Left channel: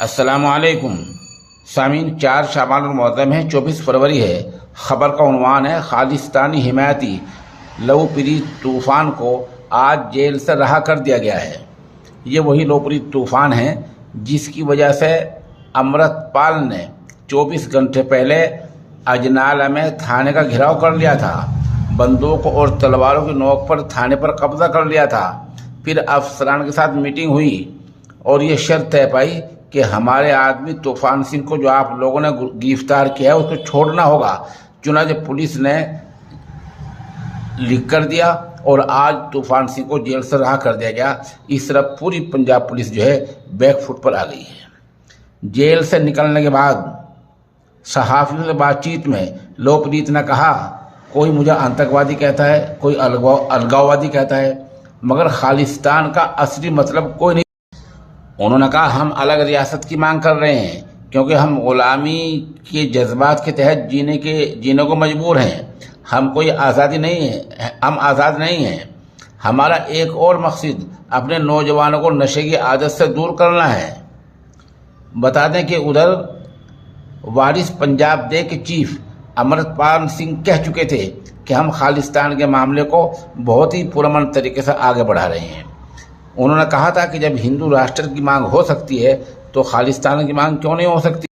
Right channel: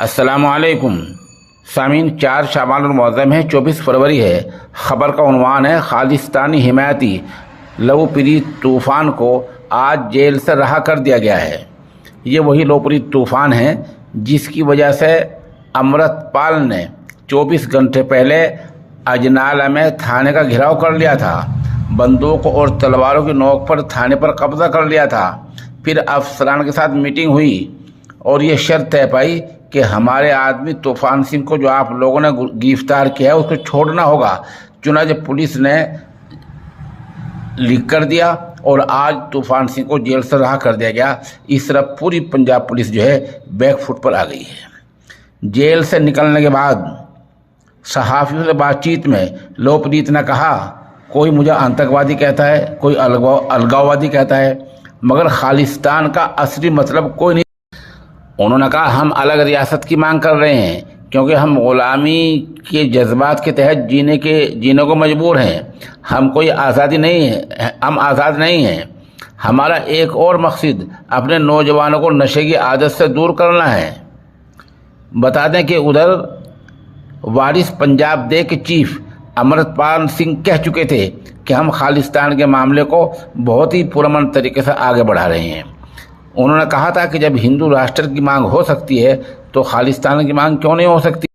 अस्सलाम वालेकुम सामीन। 4 शाबान मुअज़्ज़म है, 24 फरवरी है। खबर का उन्वान है खालिस्तानी हिमायती लवप्रीत तूफ़ान को आज जेल से रहा कर दिया गया है। ये वही लवप्रीत तूफ़ान है जिसकी वजह से अमृतपाल ने 24 घंटे पहले अजनाला में थाने का घेराव कर लिया था। बंदूक और तलवारों की नोक पर थाने पर कब्जा कर लिया था। फिर अफसरान के साथ मीटिंग हुई और ये शर्त तय पाई कि हमारे आदमी तूफान सिंह को जो आप लोगों ने गिरफ्तार किया है उसको छोड़ना होगा। चुनांचे पुलिस ने लिख कर दिया और आज तूफान सिंह को जेल से रहा कर दिया गया। इस तरह पूरी पंजाब पुलिस जो है बैकफुट पर आ गई है। जेल से निकलने के बाद सहाफ़ियों से बातचीत में लवप्रीत ने कहा, कोई मुझे आतंकवादी कहता है, कोई अलगाववादी कहता है, मगर खालिस्तान का असली मतलब कोई नहीं। उन्होंने कहा, हम अलग रियासत की मांग कर रहे हैं क्योंकि हम गुलामी के जज्बात के तहत जीने को मजबूर हैं। हम कोई आज़ादी नहीं है, हम आज़ाद नहीं हैं। हमारा एक और मकसद अपने नौजवानों को नशे की आदत से दूर करना है। बता दें कि उधर वारिस पंजाब डे के चीफ अमृतपाल सिंह कह चुके थे कि हम खालिस्तान के मामले को बहुत ही पुरअमन तरीके से आगे बढ़ा रहे हैं। उन्होंने कहा था कि जब हिंदू राष्ट्र की मांग हो सकती है तो खालिस्तान की मांग क्यों नहीं हो सकती।